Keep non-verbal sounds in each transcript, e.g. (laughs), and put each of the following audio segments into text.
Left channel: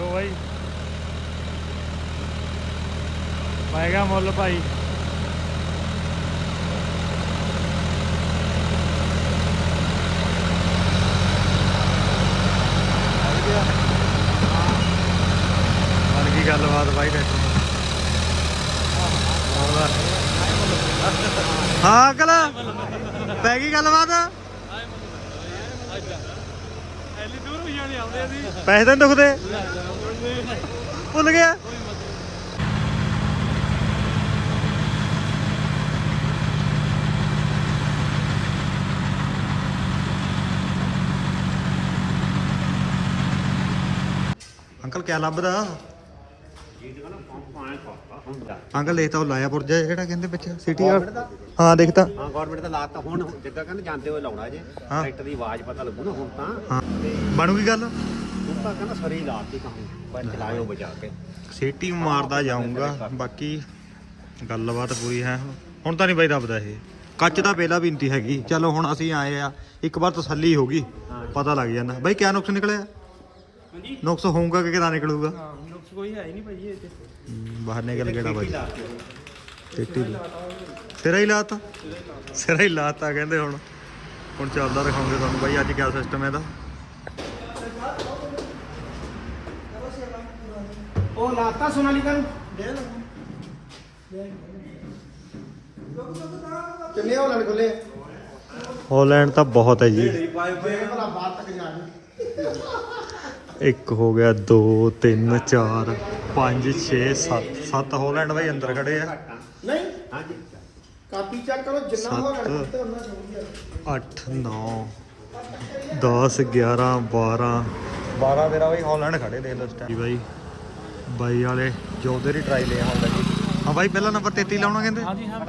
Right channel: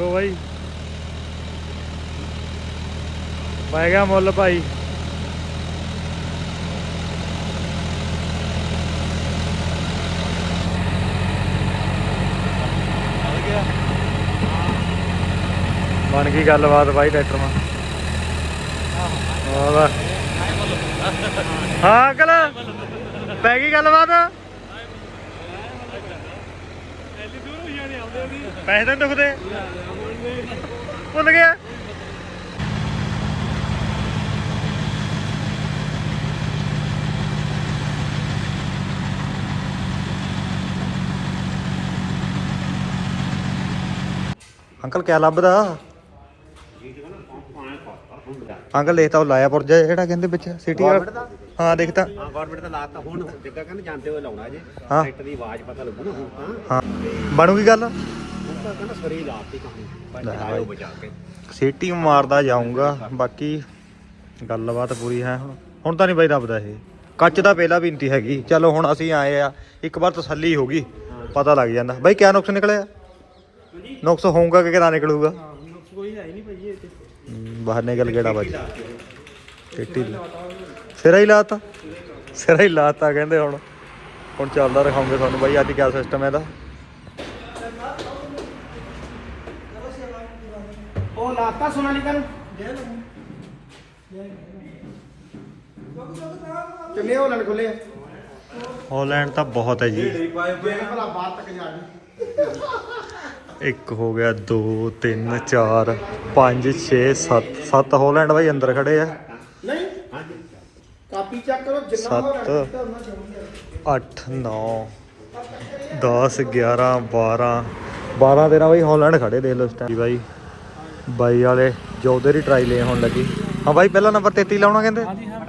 ਦੇਖੋ ਬਾਈ। ਪੈ ਗਿਆ ਮੁੱਲ ਭਾਈ। ਬਣ ਗਈ ਗੱਲਬਾਤ ਬਾਈ ਟਰੈਕਟਰ ਨਾਲ। ਵਾਹ ਹਾਂ, ਅੰਕਲ, ਪੈ ਗਈ ਗੱਲਬਾਤ? ਪੈਸੇ ਤਾਂ ਨੀ ਦੁਖਦੇ। ਭੁੱਲ ਗਿਆ। ਅੰਕਲ ਕਿਆ ਲੱਭਦਾ? ਅੰਕਲ ਦੇਖਤਾ ਉਹ ਲਾਇਆ ਪੁਰਜਾ ਜਿਹੜਾ ਕਹਿੰਦੇ ਵਿੱਚ ਸਿਟੀ ਹਾਂ ਦੇਖਤਾ ਹਾਂ ਗਵਰਨਮੈਂਟ ਦਾ ਲਾਤਾ ਹੁਣ ਜਿੱਦਾਂ ਕਹਿੰਦੇ ਜਾਂਦੇ ਹੋਏ ਲਾਉਣਾ ਜੇ। ਹਾਂ। ਟਰੈਕਟਰ ਦੀ ਆਵਾਜ਼ ਪਤਾ ਲੱਗੂ ਨਾ ਹੁਣ ਤਾਂ। ਹਾਂ। ਬਣੂਗੀ ਗੱਲ? ਹੁਣ ਤਾਂ ਕਹਿੰਦਾ ਸਰੀ ਹੀ ਲਾਤੀ ਕਹਾਣੀ ਪਹਿਲਾਂ ਲਾਇਓ ਬਚਾ ਕੇ। ਸਿਟੀ ਮਾਰਦਾ ਜਾਊਂਗਾ ਬਾਕੀ ਗੱਲਬਾਤ ਪੂਰੀ ਹੈ। ਹੁਣ ਹੁਣ ਤਾਂ ਨਹੀਂ ਬਾਈ ਦੱਬਦਾ ਇਹ। ਕੱਚ ਦਾ ਪਹਿਲਾ ਬਿੰਤੀ ਹੈਗੀ। ਚਲੋ ਹੁਣ ਅਸੀਂ ਆਏ ਆ। ਇੱਕ ਵਾਰ ਤਸੱਲੀ ਹੋ ਗਈ ਪਤਾ ਲੱਗ ਜਾਂਦਾ। ਬਾਈ ਕਿਆ ਨੁਕਸ ਨਿਕਲਿਆ? ਨੁਕਸ ਹੋਊਗਾ ਕਿ ਕਿਦਾਂ ਨਿਕਲੂਗਾ? ਕੋਈ ਹੈ ਹੀ ਨਹੀਂ ਭਾਈ ਇਹ ਤੇ ਹਮ, ਬਾਹਰ ਨਿਕਲ ਗੇੜਾ ਬਾਜੀ ਸਿੱਟੀ ਲਾ। ਸਿਰਾ ਹੀ ਲਾਤਾ। ਸਿਰਾ ਹੀ ਲਾਤਾ ਕਹਿੰਦੇ ਹੁਣ। ਹੁਣ ਚੱਲਦਾ ਦਿਖਾਉਂਗੇ ਤੁਹਾਨੂੰ ਬਾਈ ਅੱਜ ਕਿਆ ਸਿਸਟਮ ਹੈ ਇਹਦਾ। ਉਹ ਲਾਤਾ ਸੋਨਾਲੀਕਾ ਨੂੰ। ਕਿੰਨੇ ਹੋ ਲੜ ਖੁੱਲੇ? ਹਾਲੈਂਡ ਤਾਂ ਬਹੁਤ ਹੈ ਜੀ। ਭਲਾ ਬਾਹਰ ਤੱਕ ਜਾ ਇੱਕ ਹੋ ਗਿਆ 2 3 4 5 6 7 7 ਹਾਲੈਂਡ ਬਾਈ ਅੰਦਰ ਖੜੇ ਆ। ਕਾਪੀ ਚੈੱਕ ਕਰੋ ਜਿੰਨਾ ਹੋ ਸੱਤ। ਰਿਹਾ ਉਹਨਾਂ 8 9 10 11 12 12 ਦਿਨਾਂ ਬਾਈ ਹਾਲੈਂਡ ਖੜੇ ਦੇਖ ਲਓ ਇਸ ਟਾਈਮ ਬਾਈ ਬਾਈ ਵਾਲੇ ਜੋ ਉਧਰ ਹੀ ਟਰਾਈ ਲੈ ਹੁਣ ਲੱਗੀ। ਹਾਂ ਬਾਈ ਪਹਿਲਾ ਨੰਬਰ 33 ਲਾਉਣਾ ਕਹਿੰਦੇ? ਹਾਂਜੀ ਹਾਂ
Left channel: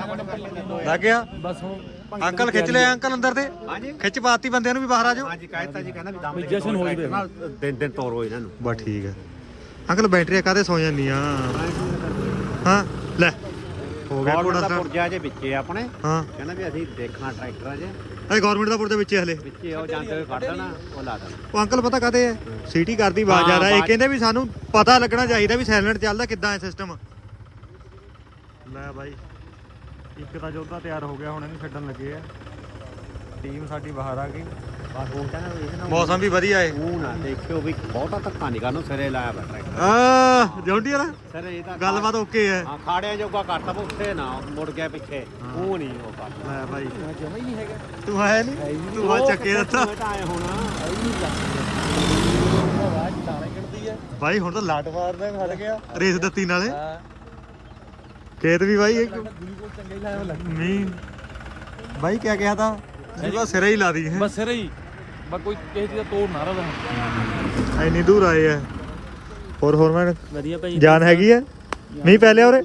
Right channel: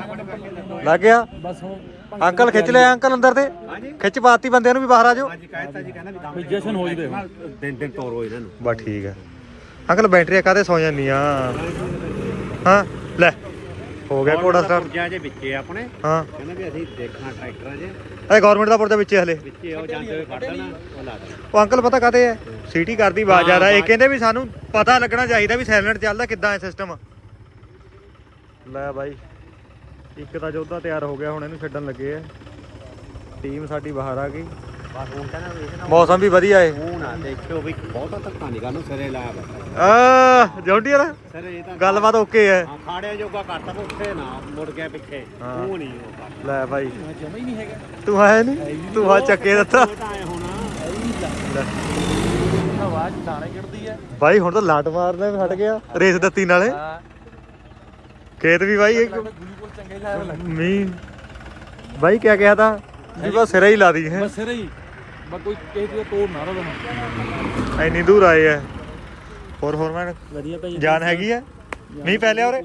ਲੱਗ ਗਿਆ? ਬਸ ਹੁਣ ਅੰਕਲ ਖਿੱਚ ਲਿਆ ਅੰਕਲ ਅੰਦਰ ਤੇ। ਹਾਂਜੀ। ਖਿੱਚ ਪਾਤੀ ਬੰਦਿਆਂ ਨੂੰ ਵੀ ਬਾਹਰ ਆ ਜਾਓ। ਹਾਂਜੀ ਕਹਿਤਾ ਜੀ ਕਹਿੰਦਾ ਵੀ ਦਮ ਵੀ ਜਸ਼ਨ ਹੋ ਜਵੇ ਨਾਲ ਦਿਨ ਦਿਨ ਤੋਰੋ ਇਹਨਾਂ ਨੂੰ। ਬਸ ਠੀਕ ਹੈ ਅੰਕਲ ਬੈਟਰੀ ਕਾਦੇ ਸੌ ਜਾਂਦੀਆਂ? ਹਾਂ ਲੈ। ਹੋ ਗਿਆ ਕੋੜਾ ਸਟਾਰਟ ਪੁਰਜਾ ਜੇ ਵਿੱਚੇ ਆਪਣੇ। ਹਾਂ। ਕਹਿੰਦਾ ਵੀ ਅਸੀਂ ਦੇਖਣਾ ਟਰੈਕਟਰਾਂ 'ਚ ਇਹ ਗਵਰਨਮੈਂਟ ਦਾ ਪੁਰਜਾ ਵਿੱਚ ਹੈ ਹਲੇ। ਵਿੱਚੇ ਉਹ ਜਾਂਦੇ ਹੋਏ ਫੜ ਦੇਣਾ ਉਹ ਲਾ ਦੇਣਾ। ਉਹ ਅੰਕਲ ਪਤਾ ਕਾਤੇ ਹੈ ਸੀਟੀ ਕਰਦੀ ਆਵਾਜ਼ ਆ ਹਾਂ, ਰਹਾ ਇਹ ਕਹਿੰਦੇ ਵੀ ਸਾਨੂੰ ਪਤਾ ਲੱਗਣਾ ਚਾਹੀਦਾ ਵੀ ਸਾਇਲੈਂਟ ਚੱਲਦਾ ਕਿੱਦਾਂ ਹੈ ਸਿਸਟਮ ਲੈ ਬਾਈ ਇੱਕ ਤਾਂ ਜੋਧਾ ਤਿਆਰ ਹੋ ਗਿਆ ਹੁਣ ਇਹਨੂੰ ਛੱਡਣ ਲੱਗੇ ਆ। ਟੀਮ ਸਾਡੀ ਬਾਹਰ ਆ ਗਈ। ਬਸ ਹੁਣ ਮੌਸਮ ਵੀ ਵਧੀਆ ਏ। ਮੂੰਹ ਨਾ ਦੇਖਿਓ ਵੀ ਬਹੁਤਾ ਧੱਕਾ ਨਹੀਂ ਕਰਨਾ ਸਿਰੇ ਲਾਇਆ ਟਰੈਕਟਰ ਆ ਵਾਲਾ? ਸਿਰੇ ਇਹ ਤਾਂ ਗੱਲਬਾਤ ਓਕੇ ਹੈ ਹਾਂ ਖਾੜਿਆਂ ਜੋਗਾ ਕਰਤਾ ਪਰ ਉੱਥੇ ਨਾ ਮੁੜ ਗਿਆ ਪਿੱਛੇ। ਉਹ ਨਹੀਂ ਉਹ ਕਰ ਲੈ ਹੀ ਨਹੀਂ ਹੈਗਾ। ਤੂੰ ਆਇਆ ਨਹੀਂ ਤੂੰ ਆ ਚੱਕੇ ਦਿੱਤਾ। ਉਹ ਤਾਂ ਆਏ ਹੁਣ ਬਾਈ ਹੁਣ ਤਾਂ ਲਾਟ ਮਾਰਨੇ ਵੀ ਹਟ ਗਿਆ। ਰੇਸ ਦਿੱਤੀ ਨਾਲੇ। ਖੇਤ ਵੀ ਬਾਈ ਇੱਕ ਮੀਂਹ। ਬਾਈ ਕਿਆ ਕਿਹਾ ਤਾਂ? ਜੀ ਬਸ ਸਿਰਾ ਹੀ ਲਾ ਦੀ ਹੈ? ਬਸ ਸਿਰ ਹੀ। ਬਸ ਕੋਈ ਕਿਸੇ ਚੀਜ਼ ਦਾ ਤੋੜ ਨਾ ਰਵੇ ਹੁਣ। ਇੰਨੀ ਦੂਰ ਆਏ ਆ। ਹੋਰ ਹੋਰ ਮੈਂ ਵਧੀਆ ਭਾਈ ਜਾਨ ਹੈਗੀ ਆ? ਮੀਂਹ ਪੈ ਲਿਆ ਉਰੇ?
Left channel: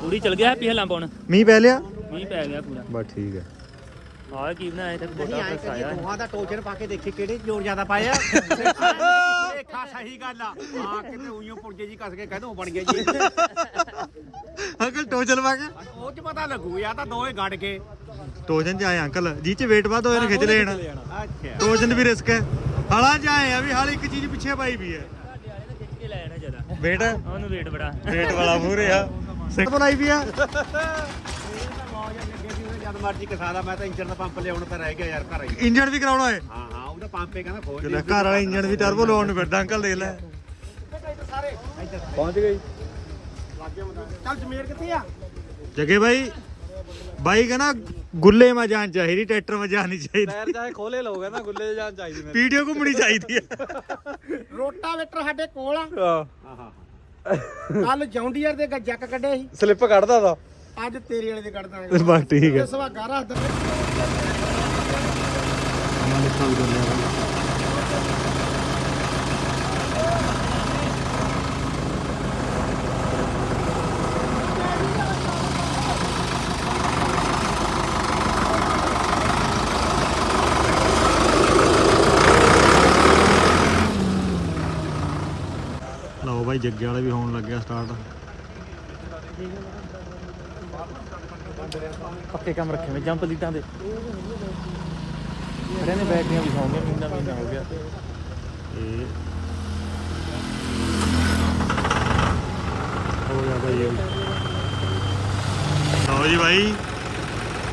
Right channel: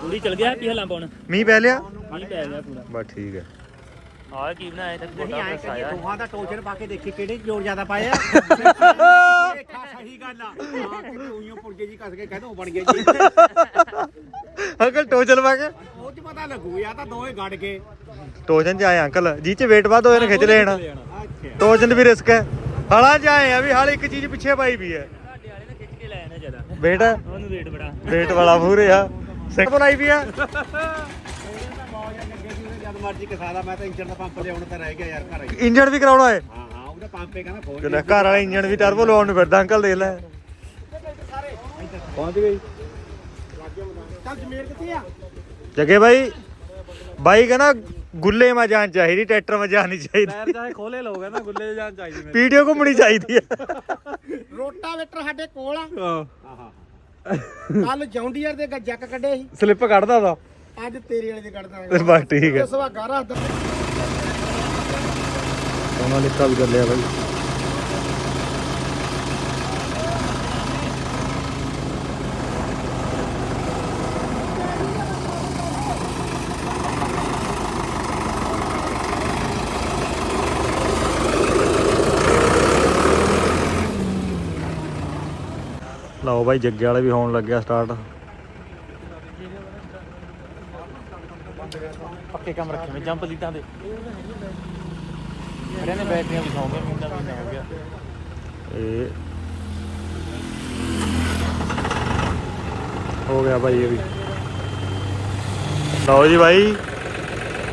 ਪੂਰੀ। ਚਲ ਗਿਆ ਹੈਪੀ ਹਲਾਂ ਪਾਉਣ ਮੀਂਹ ਪੈ ਲਿਆ? ਮੀਂਹ ਪੈ ਗਿਆ ਪੂਰਾ। ਬਸ ਠੀਕ ਹੈ ਆਹ ਕੀ ਬਣਾਇਆ ਤੱਕ ਬੋਟਾ ਫਸ ਆਇਆ। ਦੋਹਾਂ ਦਾ ਟੋਚਰ ਪਾ ਕੇ ਦੇਖੀ ਕਿਹੜੇ ਜ਼ੋਰ ਜ਼ਿਆਦਾ ਪਾਇਆ। (laughs) ਦੇਖਾ ਸਹੀ ਗੱਲ ਆ। ਹਾਂ ਕਿਤੇ ਉਈਓ ਪੁਰਜੇ ਜੀ ਕੱਸ ਕੇ ਕਹਿ ਦੋ ਬਣ ਗਿਆ ਜੀ। (laughs) ਅੰਕਲ ਟੋਚਲ ਪਾ ਕੇ? ਉਹ ਚ ਪਤਾ ਲੱਗੂ ਯਾ ਤਾਂ ਦੋਵੇਂ ਗੜ ਗਏ। ਟੋਚਨ ਚ ਆਏ ਅੰਕਲ ਜੀ ਚ ਵੇਟ ਵੱਧ ਹੋਏ ਨੇ ਖਿੱਚ ਲੈਣ। ਅੱਛਾ। ਟੋਚਨ ਵੀ ਰਿਸਕ ਹੈ। ਹਾਲਾਂ ਚ ਆਏ ਆ ਵੀ ਹਾਲ ਇੱਕ ਚੀਜ਼ ਪਿੱਛੇ ਪਾਈ ਵੀ ਹੈ। ਵੇਟ ਉਹਨੂੰ ਵੇਟ ਬੜਾ। ਵੇਟ ਵਾਲਾ ਪੂਰੇ ਆ ਸਿੱਖ ਬੁਲਾਈ ਵੀ ਆ। ਜਦ ਮਰਜ਼ੀ ਕਸਾਦਾ ਮੈਂ ਤਾਂ ਇੰਜਨ ਦਾ ਪੰਪ ਲਿਆਉਣ ਤਾਂ ਰਹਿ ਗਿਆ ਯਾਰ ਘਰ ਹੀ। ਇੰਜਣ ਵੀ ਕਰਾਉਣਾ ਏ। ਹਾਂ ਹਾਂ ਉਹਦਾ ਪੰਪ ਹੀ ਕਹਿੰਦਾ ਖੋਲ ਜਿਹੜਾ ਘਰ ਵਾਲਾ ਇੰਜਣ ਵੀ ਟਰਬੋ ਲਾਉਣ ਨੂੰ ਫਿਰਦਾ ਅੰਕਲ ਦੇਖ ਲੈ। ਪਹੁੰਚ ਗਈ ਚੱਲ ਜਮੇਰ ਕਿੱਥੇ ਆ? ਜਗੇ ਬਾਈ। ਬਾਈ ਕਹਿੰਦਾ ਗੁੱਲੇ ਮਾ ਜਾਣ ਚਾਹੀਦੀ ਟਰੈਕਟਰ ਮਾ ਜਾਣ ਨਹੀਂ ਚਾਹੀਦੀ। ਚਾਹੇ ਖੋਲੇ ਲੋਗਾ ਨਾ ਗੁੱਲੇ ਜਾਨ ਚਾਹੀਦੀ ਵੀਡੀਓ ਘੁੰਮਣੀ ਚਾਹੀਦੀ ਹੈ ਰੋਟਾਵੇਟਰ ਸਾਡੇ ਕੋਲ ਆ। ਹਾਂ। ਹਾਂ ਹਾਂ ਕੱਲ ਜੌਂਡੀਅਰ ਦੇ ਜੱਕ ਕੱਢੇ ਸੀ। ਸਲਿੱਪ ਕੱਢਦਾ ਤਾ। ਅੱਜ ਤੇਰੇ ਵਾਲੇ ਦੇ ਕੱਢਦਾ ਬਸ ਠੀਕ ਹੈ ਸਵਾ ਗਾਰਾ ਦਾ ਨਿਕਲ ਕਰ ਲਿਆ ਬਾਈ। ਬਾਈ ਜੱਗੇ ਵਾਲੇ ਵੀ ਹੋਣ ਲੱਗਿਆ ਸਟਾਰਟ ਪੱਕੇ ਕੰਮ ਰੱਖੇ ਮੈਂ ਜੰਪ ਲੀਟਾਂ ਦੇ ਬੈਟਰੀਆਂ ਵੀ ਸੌਂਗੇ ਮਹੀਨਾ ਮਹੀਨਾ ਹੋ ਗਿਆ। ਇਹ ਹੋ ਗਿਆ ਭਾਈ ਇਹ ਵੀ। ਲਓ ਜੀ ਭਾਈ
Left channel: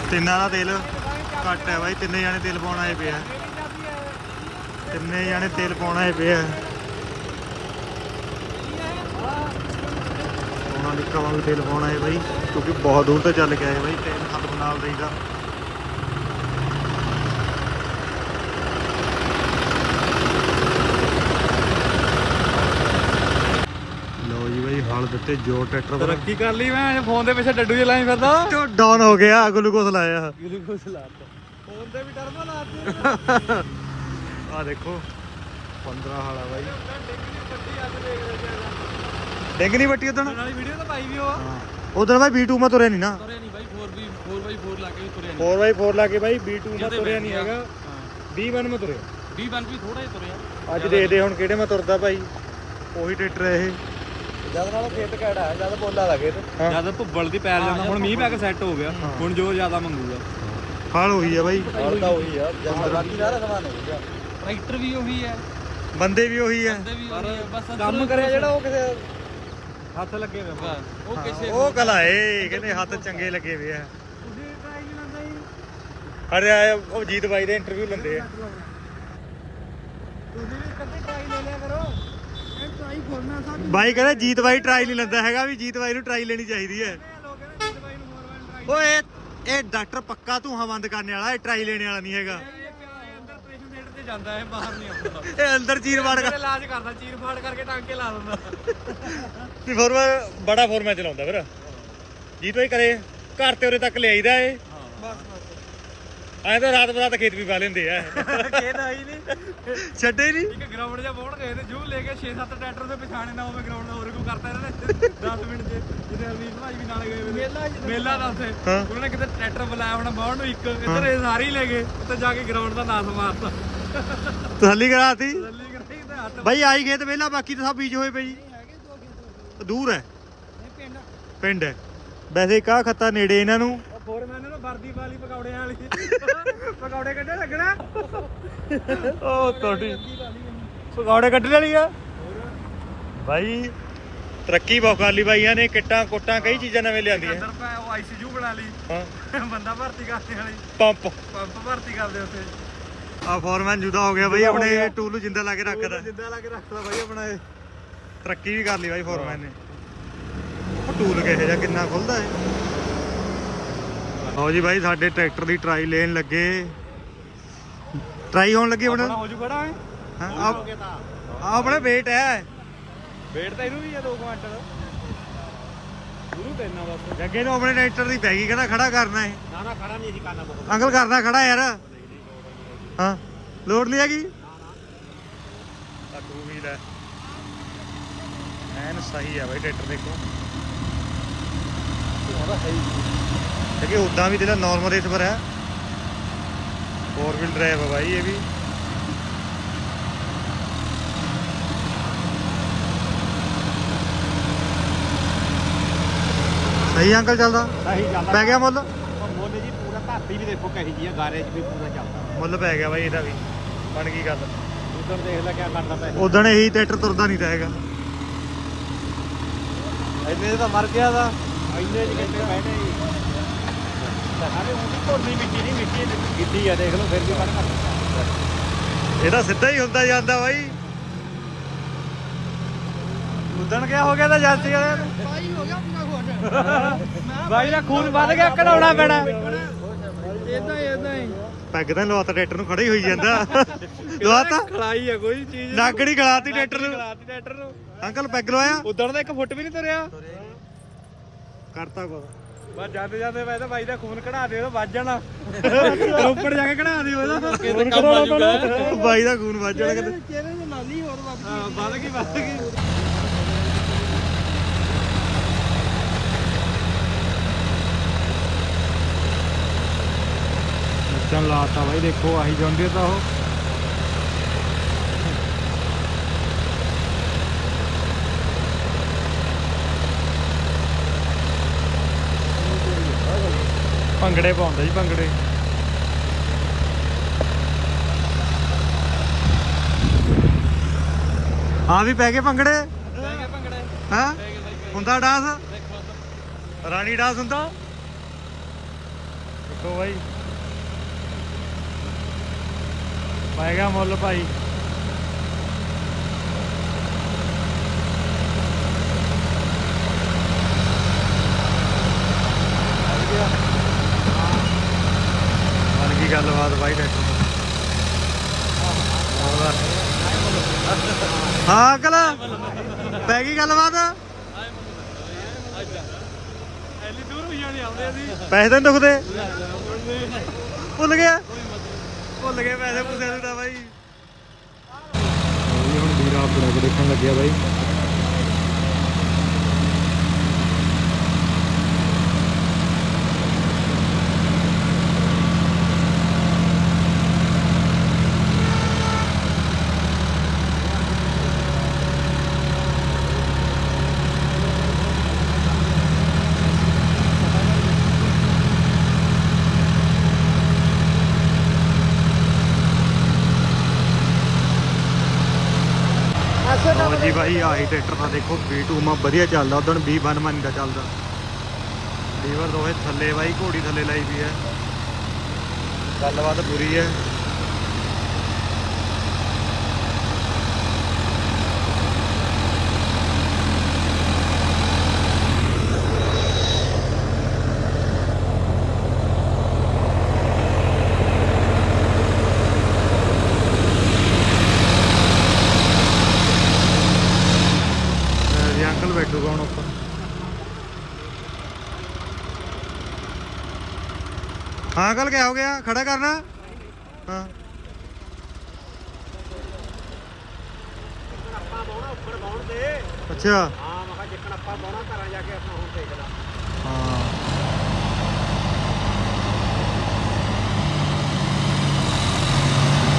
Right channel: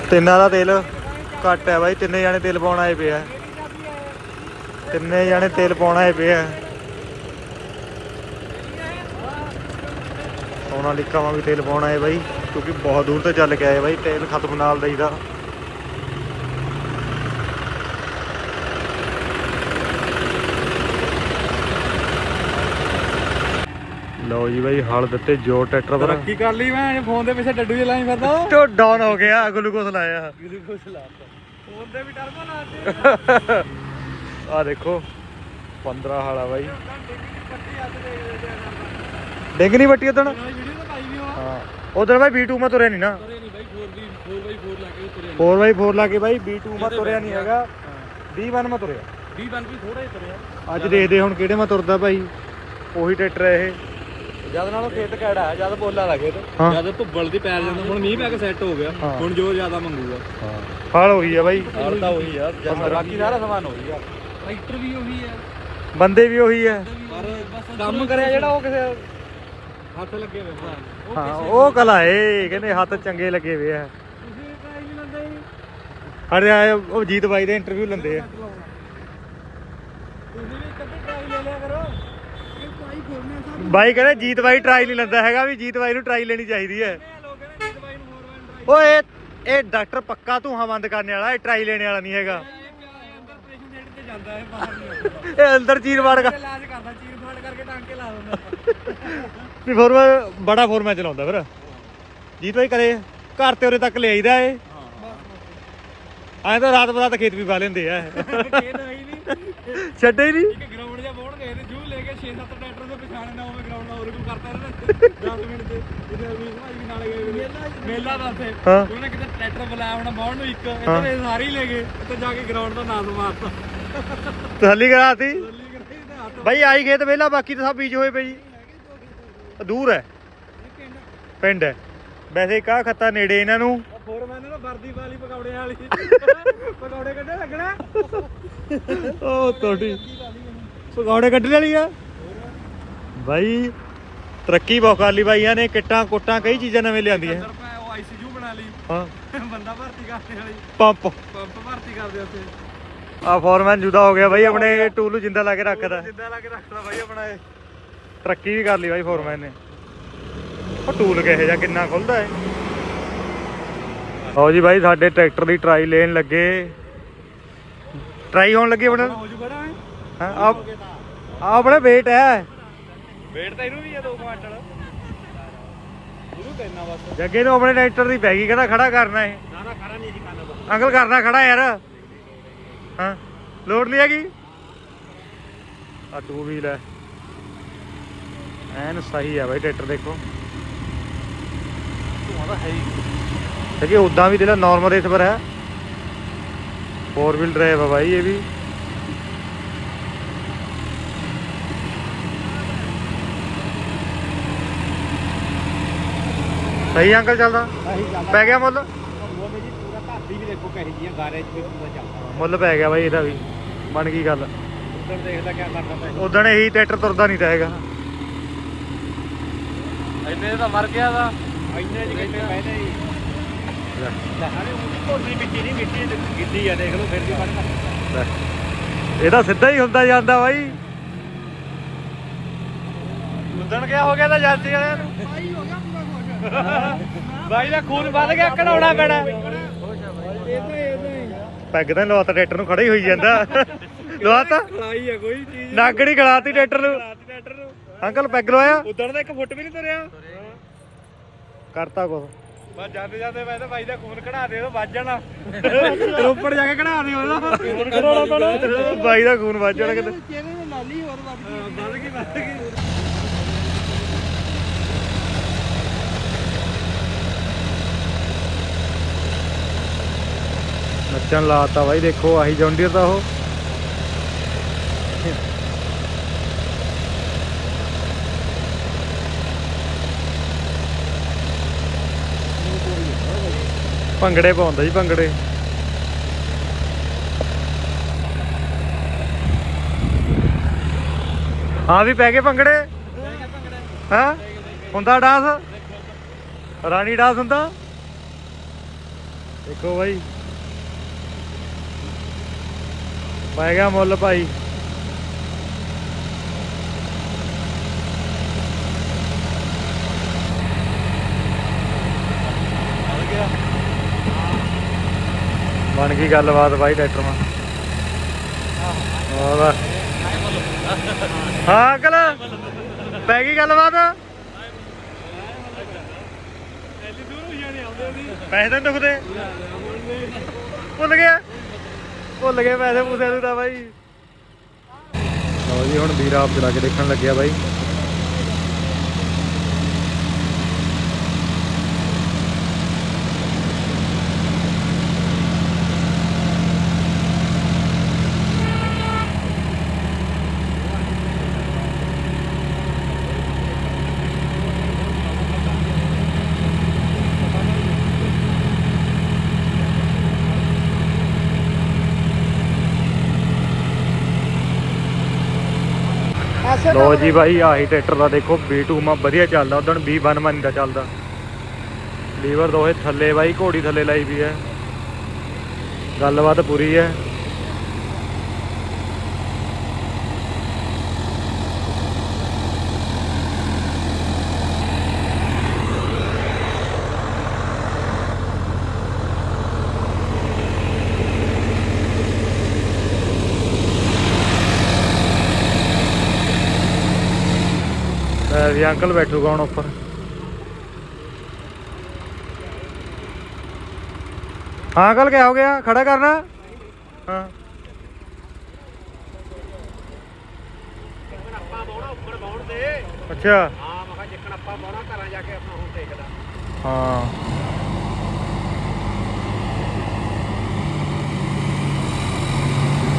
ਤਿੰਨਾਂ ਦਾ ਤੇਲ ਘੱਟ ਹੈ ਭਾਈ ਤਿੰਨੇ ਜਾਣੇ ਤੇਲ ਪਾਉਣ ਆਏ ਪਏ ਆ। ਤਿੰਨੇ ਜਾਣੇ ਤੇਲ ਪਾਉਣ ਆਏ ਪਏ ਉਹਨਾਂ ਲਿਖਾਵਾਂ ਵੀ ਤੇਲ ਪਾਉਣ ਆਏ ਬਾਈ ਕਿਉਂਕਿ ਬਹੁਤ ਦੂਰ ਤੋਂ ਚੱਲ ਕੇ ਆਏ ਬਾਈ ਤੇਲ ਖਤਮ ਨਾਲ ਦਈਦਾ। ਲਓ ਜੀ ਬਾਈ ਹਲ ਦਿੱਤੇ ਜੋ ਟਰੈਕਟਰ ਪਰ ਤਰੱਕੀ ਕਰ ਲਈ ਮੈਂ ਫੋਨ ਦੇ ਪਿੱਛੇ ਡੱਡੂ ਜਿਹਾ ਲਾਈ ਫਿਰਦਾ। ਟੋ ਡਾਊਨ ਹੋ ਗਿਆ ਗਲੂਕੋਸ ਲਾਇਆ। ਗਲੂਕੋਸ ਲਾਤਾ ਫੋਨ ਤੇ ਵੀ ਟਰਬੋ ਲਾਤਾ ਆ ਦੇਖੋ 15 ਹਾਲਾ ਬਾਈ। ਡਿੰਗ ਨਹੀਂ ਵੱਟੀ ਉਦਣ ਨਾਲੇ ਵੀਡੀਓ ਤਾਂ ਪਾਈ ਵੀ ਹੋ ਹਾਂ। ਉਦੋਂ ਬਾਈ B2 ਮੈਂ ਤੁਰਿਆ ਨਹੀਂ ਨਾ। ਤੁਰਿਆ ਨਹੀਂ ਬਾਈ 4 4x4 ਲਾ ਕੇ ਵੀ ਤੁਰਿਆ 4x4 ਲਾ ਕੇ ਬਾਈ B2 ਮੈਂ ਤੁਰਿਆ ਨਹੀਂ ਹੈਗਾ। B1 ਮੈਂ ਤੁਰਿਆ। ਨਹੀਂ 20 ਵੀ ਥੋੜਾ ਹੀ ਤੁਰਿਆ। ਅੱਜ ਦੇਖਦੇ ਹੁਣ ਕਿਹੜੇ ਮੈਂ ਤੁਰਦਾ ਭਾਈ ਉਹੀ ਟਰੈਕਟਰ ਹੈ ਇਹ। ਜਦ ਨਾਲੋਂ ਫਿੱਟ ਕਿਹੜਾ ਜਦ ਬੋਲਾ ਲੱਗੇ ਹਾਂ। ਤੇ ਜਦ ਭੁੱਬਲ ਦੀ ਪੈਰ ਜਾਂਦਾ ਹੁਣ ਮੀਂਹ ਪੈ ਕੇ ਸੈੱਟ ਹੋ ਗਿਆ। ਹਾਂ। ਹੁਣ ਜੋਰ ਜ਼ਿਆਦਾ ਮੰਗੂਗਾ। ਹਾਲ ਉਹੀ ਆ ਬਾਈ। ਉਹੀ ਆ। 15 ਟਰੈਕਟਰ ਵੀ ਉਹੀ ਹੈ ਬੰਦੇ ਵੀ ਉਹੀ ਹੈ ਪਰ ਬਸ ਕੰਮ ਕਰਿਆ ਜਿਹੜਾ ਉਹ ਕਿਸੇ ਹੱਥ ਲੱਗੇ ਹੋਏ ਆ ਉਹ ਹਾਂ ਕਿਸੇ ਉਹ ਕਲਾਏ ਕਹਿੰਦੇ ਹੱਥ ਚੰਗੇ ਲੱਗੇ ਵੇ ਆ। ਤੁਸੀਂ ਟਰਾਈ ਨਹੀਂ ਲੰਦੇ ਅਰੇ ਆਏ ਉਹ ਜੀਤ ਬਾਈ ਦੇ ਇੰਟਰਵਿਊ ਲੈਂਦੇ ਆ। ਤੁਸੀਂ ਵੀ ਕਦੇ ਟਰਾਈ ਲੈ ਲਿਆ ਕਰੋ। ਇਹ ਟਰਾਈ ਖੋਲਣਾ ਸਾਡੀ ਬਾਈ ਕਹਿੰਦੇ ਜੀਤ ਬਾਈ ਟਰਾਈ ਨਹੀਂ ਲੈਂਦਾ ਹੈਗਾ ਵੀ ਜੀਤ ਬਾਈ ਨੂੰ ਟਰਾਈ ਲੈਣੀ ਚਾਹੀਦੀ ਹੈ। ਲੋਕ ਨੇ ਦਵਾਈ ਨੂੰ ਹੋਰ ਵਾਰ ਟਰਾਈ ਓਏ ਇਹ ਡਾਕਟਰ ਪੱਕਾ ਧੂਆਂ ਬੰਦ ਕਰਨ ਵਾਲਾ ਇਹ ਟਰਾਈ ਲੈਣੇ ਵਾਲਾ ਨਹੀਂ ਹੈਗਾ ਅੰਦਰ ਆਪਰੇਸ਼ਨ ਥੀਏਟਰ ਤੇ ਜਾਂਦਾ ਹੈ ਬਾਹਰ ਨਹੀਂ ਆਉਂਦਾ। ਇਹ ਅੰਦਰ ਚੀਰ ਵਾੜ ਕਰ। ਇਲਾਜ ਕਰਦਾ ਚੀਰ ਫਾੜ ਕਰਕੇ ਟਾਂਕੇ ਲਾ ਦਿੰਦਾ। ਵੀ ਫੋਰਮਾ ਬੜਾ ਫੋਰਮਾ ਚਲਾਉਂਦਾ ਫਿਰ। ਜੀਤ ਬਾਈ ਕਰੇ ਘਰ ਤੇ ਉਰੇ ਤੱਕ ਲੈ ਆਈਦਾ ਏ ਹਾਂ। ਬਸ ਬਸ। ਐਂ ਤਾਂ ਰਾਤ ਬਰਾਤ ਖੇਤ ਵੀ ਪਾ ਲੈਂਦੇ ਆ। ਕਿਹਦਾ ਹੀ ਨਹੀਂ। ਛੱਡੇ ਹੀ ਨਹੀਂ? ਇੱਕ ਗਰਾਊਂਡ 'ਚ ਬੋਣ ਗਏ ਤੇ ਜੂ ਲੈ ਕੇ 6-7 ਟਰੈਕਟਰ ਦੇ ਪਛਾਣੇ ਨਾ ਹੋਵੇ ਗਰਾਊਂਡ ਦਾ ਹੋਰ ਕੋਈ ਕਰਤਾ ਇਹਨਾਂ ਨੇ। 10 ਮਿੰਟ 'ਚ। ਜਿਹਦੇ ਅਮੀਰ ਭਾਈ ਵੀ ਨਾਲੇ ਗਏ ਵੇ ਮੇਲਾ ਦਾ ਉੱਥੇ। ਉਹਨਾਂ ਨੇ ਕਿਤੇ ਟਰੈਕਟਰ ਬੁਲਾਇਆ ਹੋਣਾ ਬਾਹਣ ਨੂੰ ਇੱਕ। ਇੱਧਰ ਇਹ ਸਾਰੇ ਹੀ ਲੈ ਗਏ। ਇੱਥੇ ਜਾ ਕੇ ਗਰਾਊਂਡ ਦਾ ਨਾਮ ਮਾਰਤਾ। ਤਸੱਲੀ ਕਰਾਤੀ? ਜੱਲੀ ਕਰਾਈ ਤੇ ਹੱਥ ਬਾਈ ਆਈ ਖੇਤ ਵੇਲਾ ਬਾਕੀ ਤਾਂ ਸਭ ਬੀਜ ਹੋਏ ਪਏ ਜੀ। ਦੂਰ ਹੈ। ਪਿੰਡ। ਹੈ। ਵੈਸੇ ਕਾ ਖੱਤਾ ਨੇੜੇ ਇਹਨਾਂ ਨੂੰ। ਹੋਰ ਮੈਨੂੰ ਨਾ ਵਰਦੀ ਵਾਲੀ ਪਕੌੜੇ ਵਾਲੀ। ਪਕੌੜੇ ਕੱਢੇ ਲੱਗਣਾ। ਉਹ ਕੋਟੀ ਪਕੌੜੇ ਕੱਢ ਲਈ ਆ। ਬਾਈ ਤਰੱਕੀ ਬਹੁਤ ਕਰ ਲਈ ਬਾਈਆਂ ਨੇ। ਕਿੱਟਾਂ ਕੁੱਟਾਂ ਕਈ ਚੀਜ਼ਾਂ ਨਵੇਂ ਲਿਆਂਦੀਆਂ। ਅੰਦਰ ਪੈ ਉਹ ਆਈਸੀਯੂ ਬਣਾ ਲਈ। ਹਾਂ। ਬੰਦਾ ਭਰਤੀ ਕਰਨੇ ਵਾਲੀ। ਪੰਪ। ਪੰਪ ਭਰਤੀ ਕਰਦੇ ਉੱਥੇ। ਆ ਫੋਰਮੈਨ ਜੁਦਾ ਹੋ ਗਿਆ ਬਾਈ ਆਪਣੇ ਟੂਲ ਨੂੰ ਜਿੰਦਾ ਲਾ ਕੇ ਰੱਖਦਾ ਜਿੱਦਾਂ ਲਾ ਕੇ ਰੱਖਦਾ ਬਾਈ ਆਪਣਾ ਇਹ। ਤਰੱਕੀ ਵੀ ਕਰ ਲਈ ਬਾਈ ਫੋਰਮੈਨ ਨੇ। ਉਹ ਟੂਲ ਕਿਹੋ ਜਿਹਾ ਕਿੰਨਾ ਖੁੱਲਦਾ ਹੈ ਲਓ ਜੀ ਬਾਈ ਸਾਡੇ ਟਰੈਕਟਰ ਦੀ ਟਰਾਈ ਲੈਣ ਲੱਗੇ। ਟਰਾਈ ਹੋਣ ਲੱਗੀ ਆਪਣੇ। ਹੋ ਜੂ ਖੜਾ ਹੈ ਹਾਂ ਆ ਆਪਣੇ ਵੇਟ ਹੈ। ਵੇਟ ਤਾਂ ਇਹਨੂੰ ਵੀ ਆ 2 ਮਿੰਟ। ਇਹਨੂੰ ਤੈਨਾਂ ਬਸ। ਜੱਗੇ ਨੂੰ ਆਪਣੇ ਟਰੈਕਟਰ ਦੀ ਪੈ ਗਈ ਕਹਿੰਦਾ ਖੜਾ ਕਰਨਾ ਹੈ ਨਾ ਨਾ ਖੜਾ ਨਹੀਂ ਜੀ ਕਰਨਾ ਬਹੁਤ। ਅੰਕਲ ਕਰਨਾ ਖੜਾ ਯਾਰ। ਹਾਂ ਲੋਡ ਨਹੀਂ ਹੈਗੀ? ਆ ਟੂ ਵੀਲ ਹੈ। ਐਨ ਸਹੀ ਹੈ ਬਾਈ ਟਰੈਕਟਰ ਦੇਖੋ। ਕਿ ਉਦਾਂ ਵੀ ਜਿਹੜਾ ਨਾਰਮਲ ਰੇਸ ਪਰ ਹੈ। 4 ਵੀਲ ਡਰਾਈਵ ਹੈ ਬਾਈ ਇਹ ਵੀ। ਸਹੀ ਅੰਕਲ ਚੱਲਦਾ? ਸਹੀ ਚੱਲਦਾ। ਪੈ ਗਿਆ ਮੋਲੇ? ਧਰਤੀ ਵੀ ਦੇਖੋ ਕਹੀ ਜੀ ਆ ਗਾਰੇ 'ਚ ਵੀ ਪੂਰਾ ਚੱਲਦਾ। ਮੁੱਲ ਪੈ ਗਿਆ ਬਾਈ ਇਹਦਾ ਵੀ ਬਣ ਗਈ ਗੱਲ। ਉਧਰ ਦੇਖ ਲੈ ਕਿਆ ਕਰਦਾ ਪੈ ਉਦੋਂ ਇਹੀ ਟਰੈਕਟਰ ਤੁਰਦਾ ਨਹੀਂ ਤਾਂ ਹੈਗਾ। ਇੰਨੇ ਤਾਂ ਮਰ ਗਿਆ ਦਾ ਇੰਨੇ ਚ ਕਿੰਨੇ ਬਹਿਨੇ ਜੀ। ਧੋਨੀ ਮਿੱਟੀ ਨਹੀਂ ਮਿੱਟੀ ਗਿੱਲੀ ਆ ਦੇਖ ਲਓ ਫਿਰ ਵੀ ਕਰਦਾ ਇਹਦਾ ਸਿੱਧਾ ਹੀ ਹੁੰਦਾ ਜਾਂਦਾ ਬਾਈ। ਉਦਣ ਗਿਆ ਹੋ ਗਿਆ ਤਾਂ ਗਏ ਬਾਈ ਹੋ ਗਿਆ ਪੂਰਾ ਖੁਸ਼ ਬਾਈ ਦਾ ਖੂਨ ਵੱਧ ਗਿਆ ਕਢਾਉਣਾ ਪੈਣਾ। ਇਦਾਂ ਹੀ ਇਦਾਂ ਹੀ। ਪੈਗ ਤਾਂ ਲਵਾਤਾ ਟਰੈਕਟਰ ਨੂੰ ਖੜਾ ਹੀ ਹੋਈ ਜਾਂਦਾ। ਲਵਾਤਾ? ਖਲਾਈ ਆ ਕੋਈ ਚੀਜ਼। ਨਾਗੜੀ ਗਲਾਤੀ ਟਰੈਕਟਰ ਨੂੰ। ਰਾਤ ਟਰੈਕਟਰ ਨੂੰ। ਅੰਕਲ ਪੈਗ ਲਵਾਇਆ? ਉਦਣ ਦਾ ਇੱਕ ਫੁੱਟ ਵੀ ਨਹੀਂ ਤੁਰਿਆ। ਕਰਤਾ ਕੋ ਬਸ ਜਾਂਦੇ ਜਾਂਦੇ ਮੈਂ ਤਾਂ ਬਾਈ ਦਾ ਖੂਨ ਕਢਾ ਦੇ ਉਹ ਵੱਜ ਜਾਣਾ। ਰੋਪੜ ਜਾ ਕੇ ਕਢਾ ਦੇ ਉਹਦਾ ਖੂਨ ਕਢਾਉਣਾ ਪੈਣਾ। ਬਾਈ ਦਾ ਖੂਨ ਵੱਜ ਜਾਣਾ ਕਿਤੇ। ਚਿਹਰੇ ਨੂੰ ਨਾਲੀ ਹੋਰ ਵੱਧ ਗਈ। ਹਾਂ ਵੱਧ ਗਈ ਵੱਧ ਗਈ। ਸੈਕਸ਼ਨ ਲਾਤਾ ਬਾਈ, ਦੇਖੋ, ਆਹੀ ਜੌਂਡੀਅਰ ਤਾਂ ਉਹ। ਭੰਗੜੇ ਪਾਉਂਦਾ ਜੀ, ਭੰਗੜੇ। ਆ ਵੀ ਪੈ ਗਏ ਭੰਗੜੇ? ਹਾਂ? ਹੁੰਦਾ ਡਾਂਸ? ਰਾਣੀ ਡਾਂਸ ਹੁੰਦਾ? ਦੇਖੋ ਬਾਈ। ਪੈ ਗਿਆ ਮੁੱਲ ਭਾਈ। ਬਣ ਗਈ ਗੱਲਬਾਤ ਬਾਈ ਟਰੈਕਟਰ ਨਾਲ। ਹੋਰ ਹਾਂ ਅੰਕਲ, ਪੈ ਗਈ ਗੱਲਬਾਤ? ਐਲੀ ਦੂਰ ਹੋਈਆਂ ਨਹੀਂ ਆਉਂਦੇ ਅਸੀਂ ਪੈਸੇ ਤਾਂ ਨੀ ਦੁਖਦੇ ਭੁੱਲ ਗਿਆ। ਭੁੱਲ ਗਏ ਪੈਸੇ ਪੂਸੇ ਨੂੰ ਤਾਂ ਬਾਈ। ਲਓ ਜੀ, ਹੁਣ ਵੀਰਾ ਬੜਾ ਕੇ ਦੇਖਣ ਲੱਗਿਆ ਬਾਈ। ਲੋ ਬਾਈ, ਆਹੀ ਟਰੈਕਟਰ ਦਾ ਦੇਖੋ B2 ਮਾ ਵਧੀਆ ਚੱਲਦਾ ਉਦੋਂ B1 ਮਾ ਨਹੀਂ ਦਾ ਚੱਲਦਾ। ਲੀਵਰ ਦੋਹੇ ਥੱਲੇ ਬਾਈ, ਘੋੜੀ ਥੱਲੇ ਲਾਈ ਵੀ ਹੈ। ਗੱਲਬਾਤ ਪੂਰੀ ਹੈ। ਮੈਂ ਅੰਕਲ ਬੈਠੂਗਾ ਹੁਣ ਉੱਪਰ। ਹਾਂ ਅੰਕਲ, ਕਿਆ ਹੋ ਗਿਆ? ਖੜਾ ਕਰਨਾ? ਹਾਂ। ਅੱਛਾ। ਹਾਂ।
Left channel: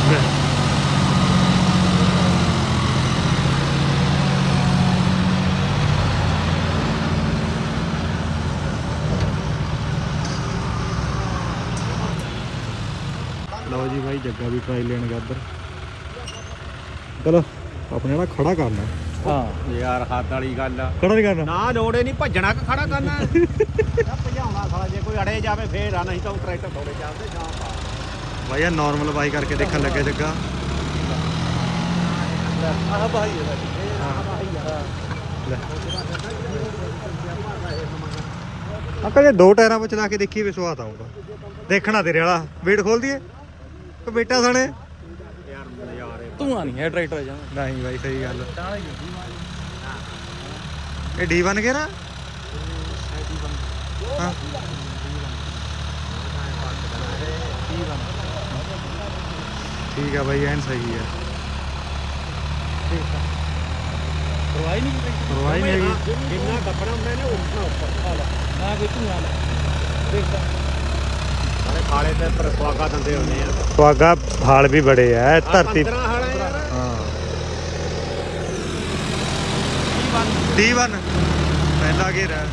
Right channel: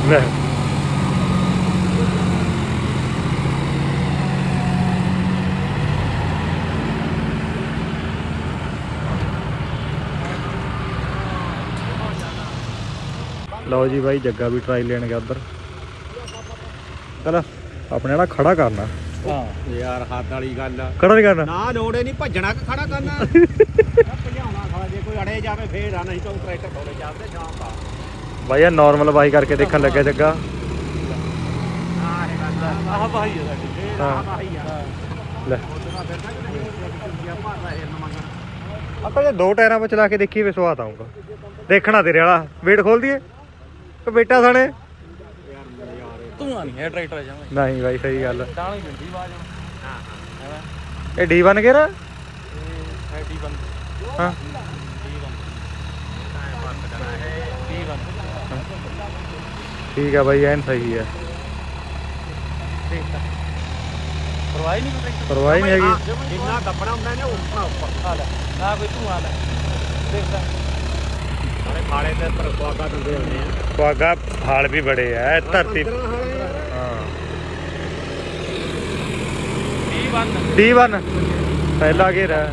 ਲੈ। ਲਓ ਜੀ ਬਾਈ ਜੱਗਾ ਵੀ ਟਰਾਈ ਲੈਣ ਗਿਆ ਉੱਧਰ। ਚਲ ਆਪਣੇ ਵਾਲਾ ਖੜਾ ਕਰਨਾ। ਹਾਂ। ਯਾਰ ਹੱਦ ਵਾਲੀ ਗੱਲ ਆ। ਖੜਾ ਨਹੀਂ ਕਰਨਾ। ਨਾ ਲੋੜੇ ਨਹੀਂ ਭੱਜਣਾ ਕਿ ਖੜਾ ਕਰਨਾ? (laughs) ਭਜਾਉਣਾ ਸਾਲਾ ਜੇ ਕੋਈ ਅੜੇ ਜਾਵੇ ਫੇਰ ਆ ਨਹੀਂ ਤਾਂ ਉਹ ਟਰੈਕਟਰ ਥੋੜੇ ਚੱਲਦੇ ਸ਼ਾਮ ਦਾ ਬਾਈ ਇਹ ਨਾਰਮਲ ਬਾਈ ਕਰਕੇ ਦੇਖਣ ਲੱਗਿਆ ਜੱਗਾ। ਹਾਂ ਲੈ। ਆਪਾਂ ਜੇ ਦੋ ਟਾਇਰਾਂ 'ਚ ਚਲਾ ਕੇ ਦੇਖੀ ਵੇ ਸਵਾਦ ਆਊਗਾ। ਦੇਖਣਾ ਤੇਰੇ ਵਾਲਾ। ਵੇਟ ਖੋਲ ਦਈਏ। ਕਿ ਬੇਟਾ ਸਾਣੇ ਯਾਰ ਨਜ਼ਾਰੇ ਧੂਆਂ ਨਹੀਂ ਹੈ ਟਰੈਕਟਰ ਜਾਂ। ਨਹੀਂ ਬਾਈ ਸਹੀ ਗੱਲ। ਤਾਂ ਹੀ ਜੰਦੀ ਬਾਜ। ਇਹ D1 ਗੇਰਾ ਐਡੀ ਬੰ ਹਾਂ ਦੀ ਬੰ ਠੀਕ ਆ ਬਾਈ ਐਨ ਸਹੀ ਠੀਕ ਆ। ਪਰਵਾਹੀ ਨਹੀਂ ਪਰਵਾਹ ਨਹੀਂ ਹੈਗੀ। ਜਿੰਨਾ ਕੱਪੜਾ ਹੁੰਦਾ ਨੇ ਉੱਠਣਾ ਉੱਪਰ ਆ ਲੈ ਨਾ ਕੋਈ ਧੂਆਂ ਲੈ ਦੇਖਦਾ ਖਾਲੇ ਤੇ ਪਰ ਸਵਾਗਾ ਦੰਦੇ ਹੁੰਦੇ ਆ। ਸੁਆਗਾ ਹਾਲ ਵੀ ਬੜੇ ਐ ਧਰਤੀ 15 ਹਾਲੇ ਯਾਰ। ਹਾਂ। D1 ਪਹਿਲਾ ਘੇਰਾ। ਹੈ।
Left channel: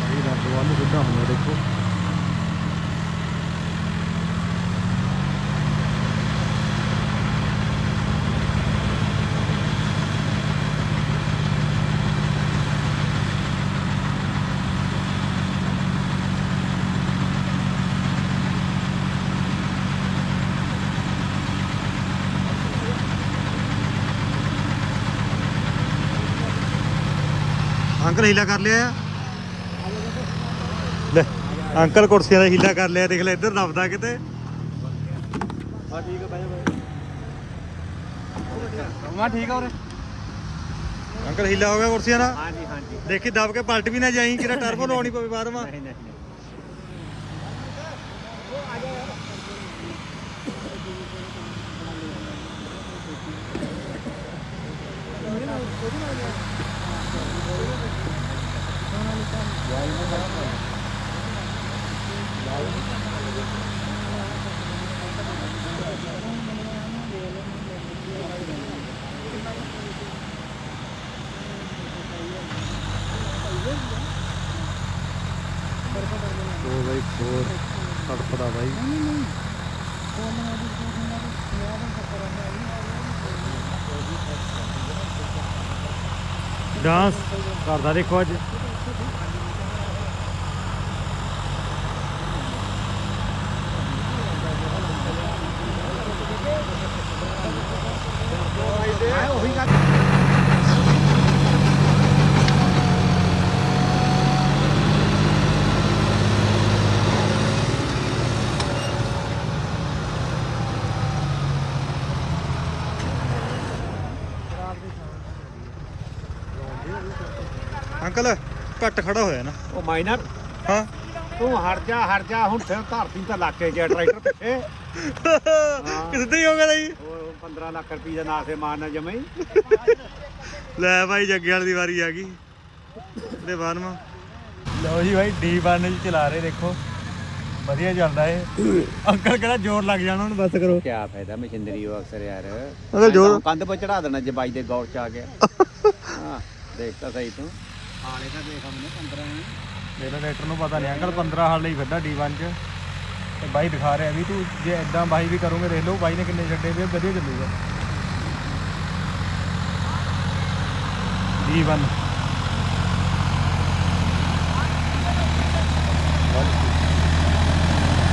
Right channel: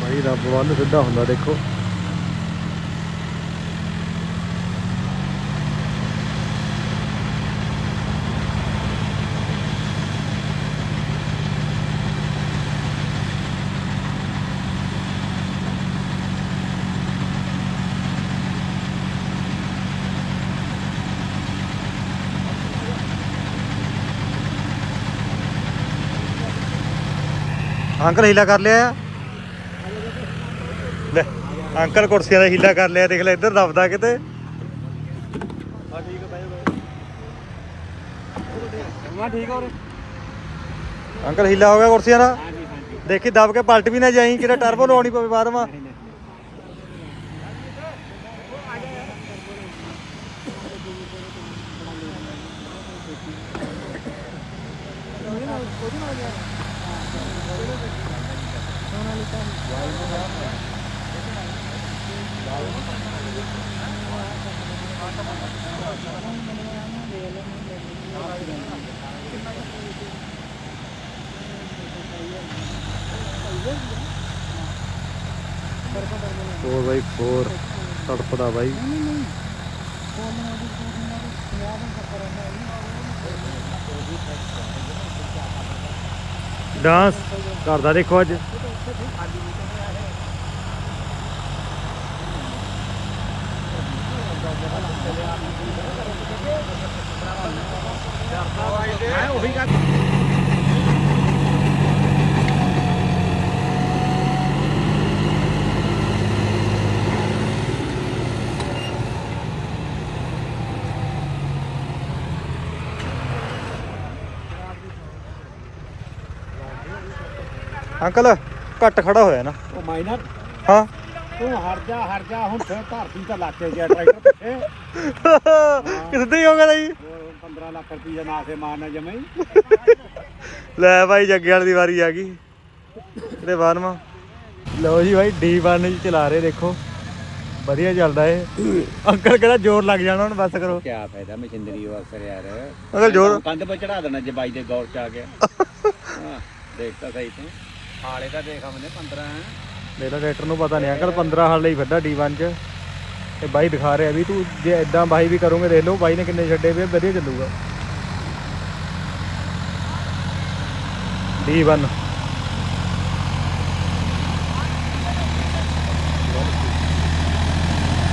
ਭਾਈ ਰੱਬ ਵੱਲ ਸਿੱਧਾ ਹੁੰਦਾ ਦੇਖੋ ਅੰਕਲ ਹੀਲਾ ਕਰ ਲਿਆ ਆ। ਲੈ ਅੰਕਲ ਕੁਰਸੀਆਂ ਦਾ ਹੀਲਾ ਕਰ ਲਿਆ ਦੇਖ ਲੈ ਇੱਧਰ ਦਬਦਾ ਕਿਤੇ। ਮੈਂ ਠੀਕ ਆ ਉਰੇ ਅੰਕਲ ਹੀਲਾ ਹੋ ਗਿਆ ਕੁਰਸੀਆਂ ਦਾ? ਹਾਂਜੀ ਹਾਂਜੀ। ਦੇਖੀ ਦਬ ਕੇ ਪਲਟ ਵੀ ਨਾ ਜਾਈ ਕਿਤੇ ਟਰਬੋ ਲਾਉਣੀ ਪਵੇ ਨਹੀਂ। ਨਹੀਂ ਉਹ ਬਾਈ ਖੋਰ ਤੜਪਦਾ ਬਾਈ ਡਾਂਸ ਕਰਦਾ ਦੇਖੋ ਅੱਜ ਅੰਕਲ ਘੱਟ ਖੜਾ ਹੋਇਆ ਨਾ। ਉਹ ਮਾਈਨਰ? ਹਾਂ। ਤੂੰ ਹਟ ਜਾ ਹਟ ਜਾ ਹੁਣ ਫਿਰ ਧਰਤੀ ਤਾਂ ਲੱਗ ਕੇ ਗਿਆ ਟਰੈਕਟਰ ਪਿੱਛੇ। ਕਿੱਦਾਂ ਹੀ ਹੋ ਗਿਆ ਜੀ ਹੋਰ 15 ਲੱਖ ਰੁਪਏ ਦਾ ਨਾਸੇ ਮਾਰਨਾ ਜਮੇ ਲੈ ਭਾਈ ਜੱਗੇ ਵਾਲੀ ਦੀ ਵਾਰੀ ਆ ਗਈ। ਇਹਦੇ ਬਾਅਦਮਾ ਲਓ ਜੀ ਭਾਈ D1 ਜੀ ਚਲਾ ਰਹੇ ਦੇਖੋ। ਵਧੀਆ ਚੱਲਦਾ ਏ ਅੰਕਲ ਕਿਹੜਾ ਜ਼ੋਰ ਲੱਗ ਜਾਣਾ ਹੁਣ ਬਸ ਕਰੋ। ਕੀ ਫਾਇਦਾ ਮਸ਼ੀਨਰੀ ਉਹ ਅਕਸਰ ਯਾਰ। ਅਗਰ ਜ਼ੋਰ ਕੰਧ 'ਤੇ ਚੜਾ ਦੇਣਾ ਜੇ ਬਾਈ ਦੇ ਗੌਰ 'ਚ ਆ ਗਿਆ। (laughs) ਹਾਂ ਦੇਖ ਤਾਂ ਸਹੀ ਤੇ। ਹਾਲੇ ਤਾਂ ਦੇਖ ਹਮਨੇ 15 ਮੇਰਾ ਟਰੈਕਟਰ ਨੂੰ ਪਤਾ ਨਹੀਂ, ਅੰਕਲ 15 ਹਾਲ ਲਈ ਵੱਡਾ D1 ਚ। ਤੇ ਬਾਈ ਦਿਖਾ ਰਿਹਾ ਵੀ ਤੂੰ, ਜੇ ਇਦਾਂ ਬਾਈ ਵੀ ਕਰੋਗੇ ਦੇਖ ਲਓ, ਬਾਈ ਨੇ ਕਿੰਨੇ ਛੱਡੇ ਵੀ ਵਧੀਆ ਚੱਲੂਗਾ। D1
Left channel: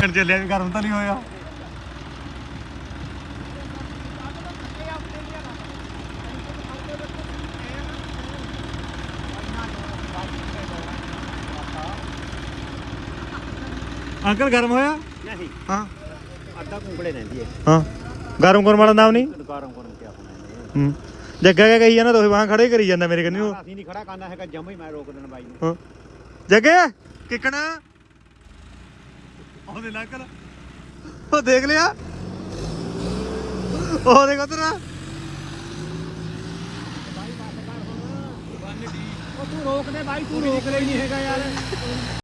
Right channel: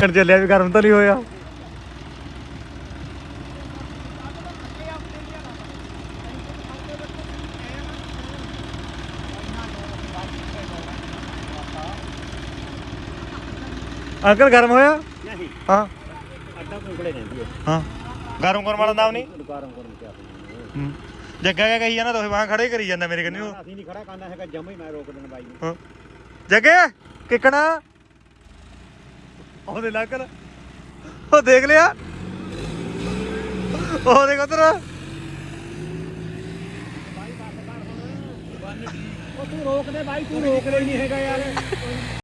ਕਰ ਚੱਲਿਆ ਵੀ ਗਰਮ ਤਾਂ ਨਹੀਂ ਹੋਇਆ। ਅੰਕਲ ਗਰਮ ਹੋਇਆ? ਨਹੀਂ। ਹਾਂ। ਅੱਧਾ ਕੁੰਕੜੇ ਰਹਿੰਦੀ ਹੈ। ਹਾਂ। ਗਰਮ ਕਰਨ ਵਾਲਾ ਨਾਮ ਨਹੀਂ? ਦੁਕਾਰਾਂ ਕੋਲ ਕਿਆ ਹੂੰ। ਜੱਗਾ ਕਿਆ ਕਹੀ ਜਾਂਦਾ ਤੁਸੀਂ ਵਾਹ ਖੜੇ ਕਰੀ ਜਾਂਦਾ ਮੇਰੇ ਕੰਨੀ ਨੂੰ ਅਸੀਂ ਨਹੀਂ ਖੜਾ ਕਰਨਾ ਹੈਗਾ ਜਮਾ ਹੀ ਮੈਂ ਰੋਕ ਦੇਣਾ ਬਾਈ ਨੂੰ। ਹਾਂ। ਜੱਗੇ ਕਿਕਣਾ? ਉਹਦੇ ਲੱਗਲ ਉਹ ਦੇਖ ਲਿਆ। ਉਹ ਦੇਖ ਉਧਰ। ਉਹ ਤੂੰ ਰੋਕ ਦੇ ਬਾਈ ਤੂੰ ਰੋਕ ਲਈ ਨਹੀਂ ਹੈਗਾ ਯਾਰ।